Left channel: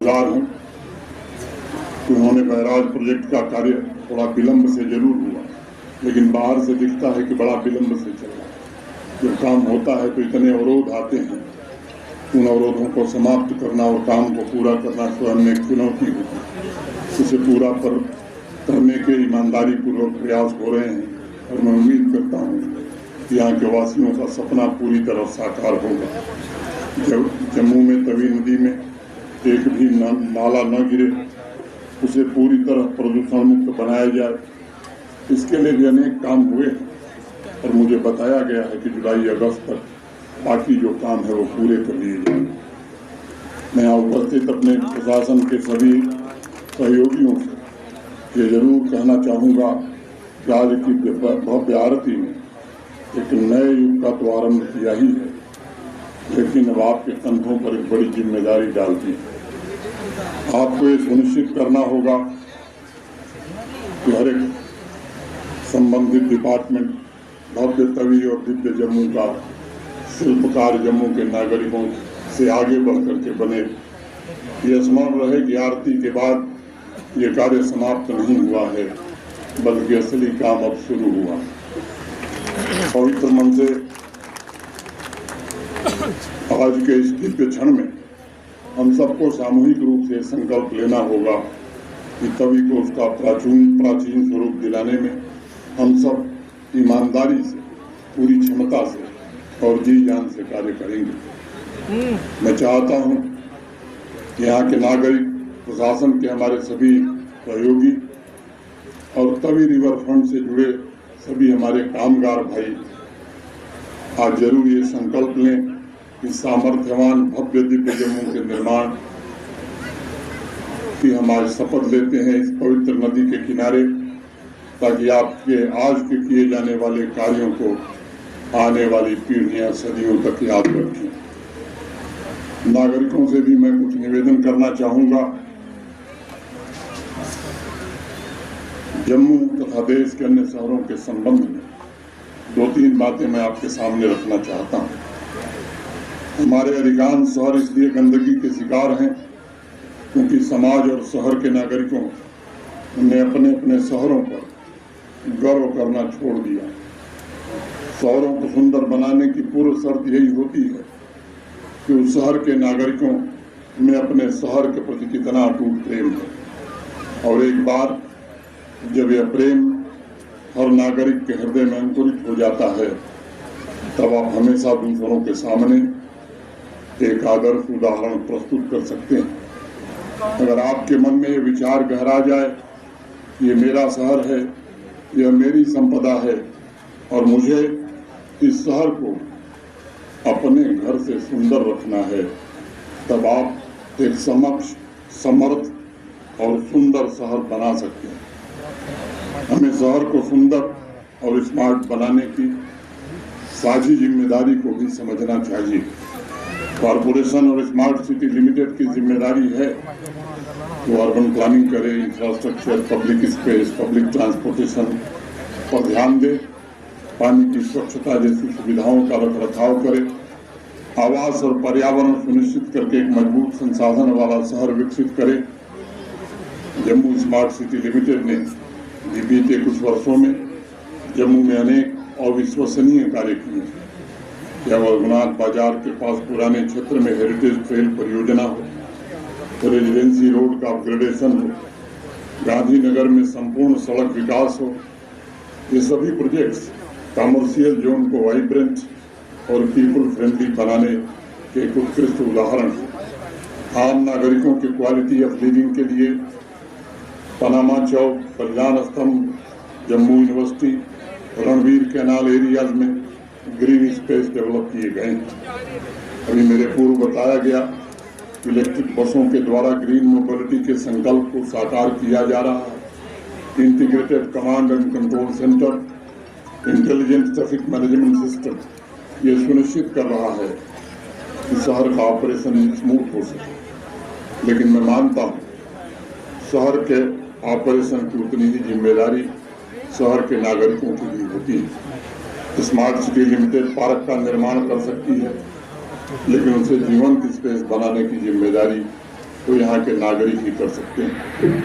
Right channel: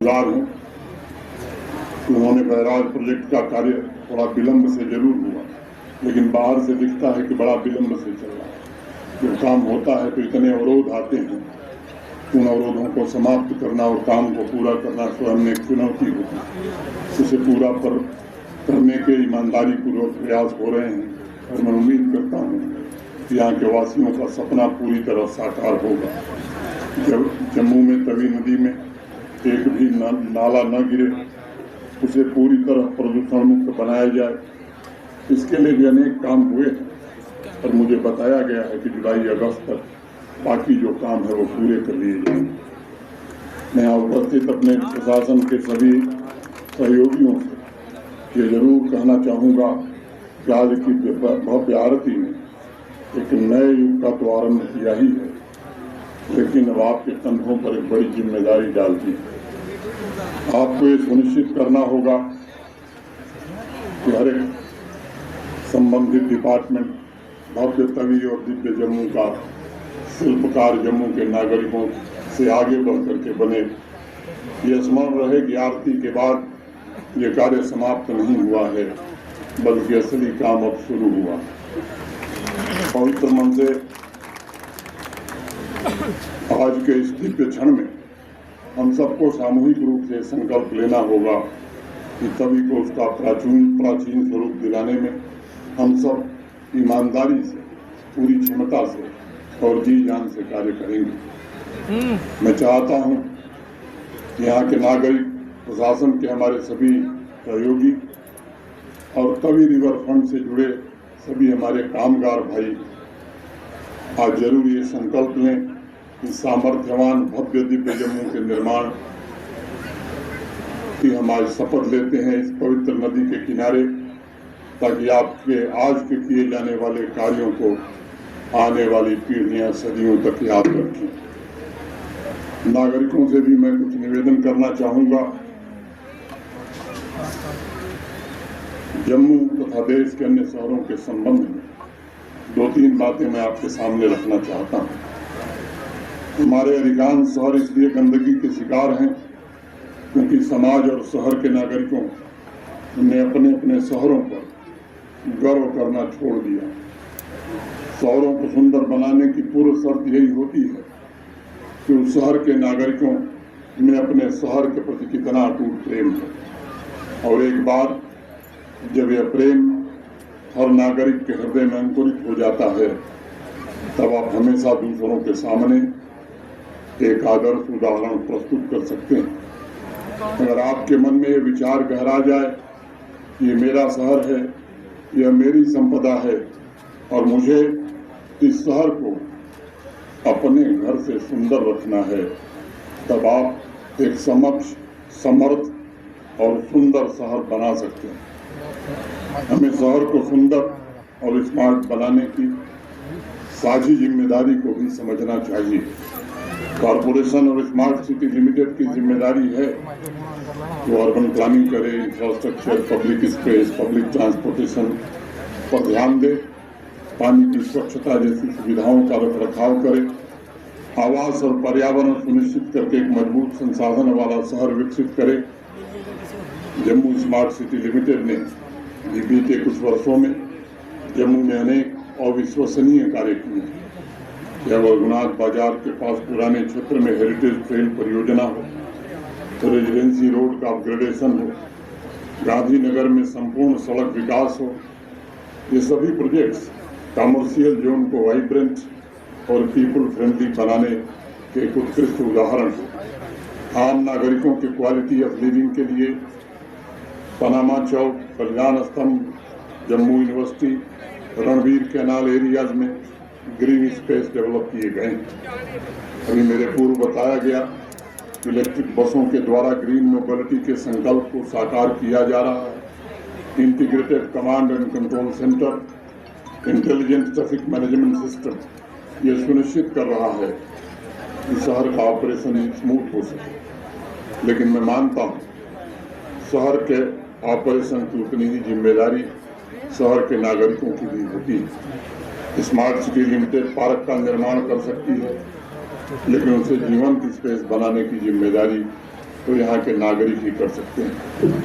हूँ कि उन्होंने बैराज प्रोजेक्ट का कार्य थोड़ा विलंब से जरूर हुआ, लेकिन बाहर से दिखता है कि बड़ा विलंब से चल रहा है। जब काम होता है तो इतने अवरोध आते हैं, उन अवरोधों को समाप्त करना और काम को पूरा करना स्वयं में एक चुनौती होती है। इसे पूरा करने के ईमानदारी पूर्वक प्रयास हो रहे हैं और मैं उम्मीद करता हूँ कि यहाँ के वासियों का सपना पूरी तरह साकार होगा। जब जम्मू में तवी नदी में एक भी नाला न गिरे, उसे पूरी तरह प्रदूषण मुक्त बनाया जाए, इसके लिए भी अनेक काम हुए और मुझे बताया गया है कि जुलाई अगस्त तक बाकी जो काम है वो पूरे कर लिए जाएंगे। मैं उपस्थित अपने प्रशासन के सभी सहयोगियों से ये जरूर कहना चाहूँगा कि आज की भव्य आरती में एक नए युग का तो आरंभ किया ही है, लेकिन अब आपके कंधों पर एक बड़ी जिम्मेदारी डालती है। आपको ये सुनिश्चित करना होगा कि हर एक संबंधित डिपार्टमेंट भव्य तवी और दिव्य जम्मू का शिल्पकार जम्मू के नागरिकों से आगे बढ़ करके बने। ये स्मरण रहे कि आरती के बाद ये कार्य समाप्त नहीं हुआ है, बल्कि असली काम अब शुरू हुआ। पवित्र मन से आज के इस दिव्य क्षण में हम सबको सामूहिक रूप से संकल्प लेना होगा कि तवी को उसका प्राचीन स्वरूप दिलाने में हम सब ईमानदारी से, पूरी क्षमता से और जी जान से कार्य करेंगे। मैं चाहता हूं कि यहाँ के नागरिक, प्रशासन के हमारे सभी सहयोगी और तवी रिवर फ्रंट से जुड़े सभी हमारे कामगार भाई आज जरूर ये संकल्प लें कि सामर्थ्यवान भव्य दिव्य जम्मू के निर्माण की हम आज शपथ लेते हैं इस पवित्र नदी के किनारे, ताकि आपके आज के किए जाने वाले कार्यों को आने वाली पीढ़ियां सदियों तक याद रखें। नागरिकों से भी मैं कुछ निवेदन करना चाहूंगा। जम्मू तथा देश के अन्य शहरों के संबंध में 2-3 बातें मैं आपके सामने रखना चाहता हूं। हमारे अधिकांश शहर इसलिए गंदगी के शिकार हैं क्योंकि समाज और शहर के नागरिकों ने अपने अपने शहरों पर गर्व करना छोड़ दिया। शहरों को सुंदर बनाने की पूर्व शर्त यही होती है कि उस शहर के नागरिकों में अपने शहर के प्रति कितना अटूट प्रेम है, और एक बार जब यह प्रेम हर नागरिक के हृदय में अंकुरित हो जाता है, तब आप हमेशा दूसरों के सामने एक आदर्श उदाहरण प्रस्तुत कर सकते हैं। अगर आपके मन में ये विचार गहरा जाए, ये मेरा शहर है, यह मेरी संपदा है और मुझे इस शहर को अपने घर से सुंदर रखना है, तब आप एक समर्थ और सुंदर शहर बना सकते हैं। हमें शहर को सुंदर और स्मार्ट बनाने की साझी जिम्मेदारी को भी समझना चाहिए। कॉरपोरेशन और स्मार्ट सिटी लिमिटेड की जिम्मेदारी है कि वो अर्बन प्लानिंग करे, infrastructure, public space, public transportation पर ध्यान दे, पानी की स्वच्छता जैसी सुविधाओं का रखरखाव करे, आवास और पर्यावरण सुनिश्चित करके एक मजबूत संसाधन वाला शहर विकसित करे। जम्मू स्मार्ट सिटी लिमिटेड ने बीते कुछ वर्षों में जम्मू में अनेक अविश्वसनीय कार्य किए हैं। चाहे रघुनाथ बाजार के पास पुराने क्षेत्र में हेरिटेज ट्रेल परियोजना हो, रेजिडेंसी रोड का अपग्रेडेशन हो, गांधीनगर में संपूर्ण सड़क विकास हो, ये सभी प्रोजेक्ट्स कमर्शियल जोन को वाइब्रेंट और पीपल फ्रेंडली बनाने के एक उत्कृष्ट उदाहरण है। आम नागरिकों की क्वालिटी ऑफ लिविंग के लिए पनामा चौक, बलिदान स्तंभ, Jammu university, Ranveer canal areas में ग्रीन स्पेस डेवलप किए गए। अभी मेरे पूर्व बताया गया इलेक्ट्रिक बसों के द्वारा ग्रीन मोबिलिटी के संकल्प को साकार किया जा रहा है। Integrated command and control centre, intelligent traffic management system ये सुनिश्चित कर रहा है कि शहर का ऑपरेशन स्मूथ हो सके। लेकिन मैं मानता हूँ शहर के ऑपरेशन की उतनी ही जिम्मेदारी शहर के नागरिकों की भी होती है। स्मार्ट सिटी लिमिटेड पार्क का निर्माण कर सकती है, लेकिन उसे जीवंत स्पेस बनाने की जिम्मेदारी वो यहाँ के नागरिक ही कर सकते हैं।